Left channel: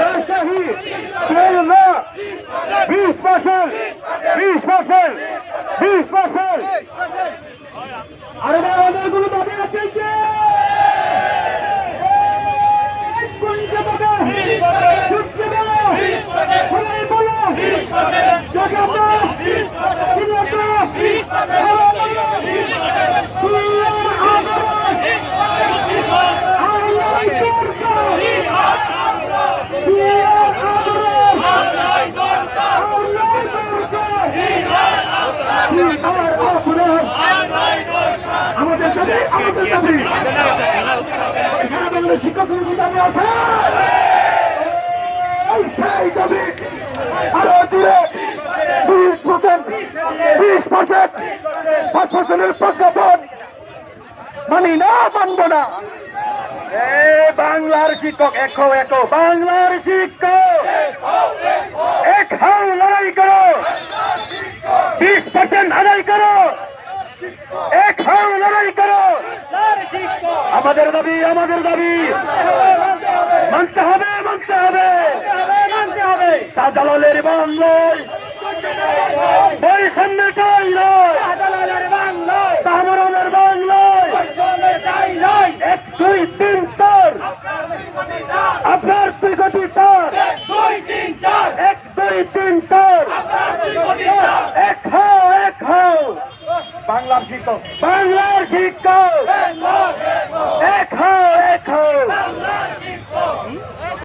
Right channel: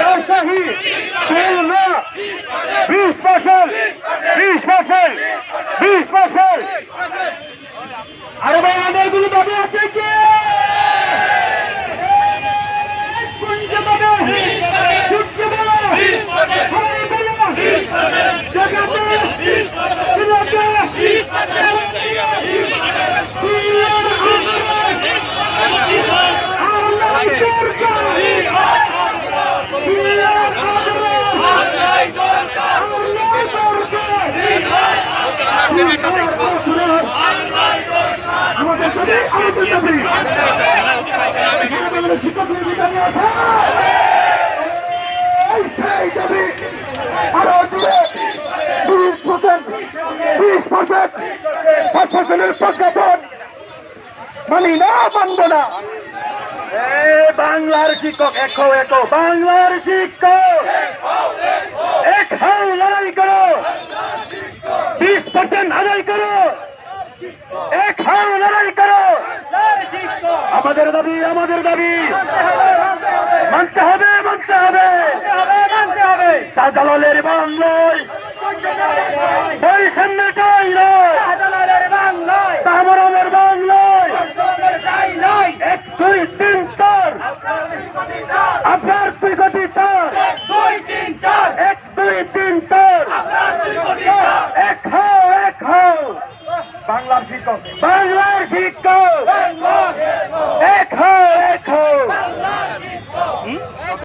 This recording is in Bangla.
রাজশাহী খুলনা বিশ পার্সেন্ট বিশ পার্সেন্ট বিশ পার্সেন্ট। আরে বাবা আমাদেরগুলো দাবি আছে কি? আমাদের সাথে, আমাদের দাবি সারা বাংলার শিক্ষক সমিতি দাবি আছে। সেই দাবি মানি না। মানবো বাংলার শিক্ষক, একো একো বাংলার শিক্ষক! এক হাও, লড়াই করো। বিশ পার্সেন্ট আদায় করো। এক হাও, লড়াই করো। আমাদের দাবি আমাদের দাবি। মানতে হবে মানতে হবে। শাহজালালের বাংলায় বৈষম্যটাই নয় তামরনের বাংলায় এক দুই তিন চার। আপনার দুই কোটি চার। এক, দুই, তিন, চার। এক হাও এক হাও বাংলার শিক্ষক। বাংলার শিক্ষক। এক হাও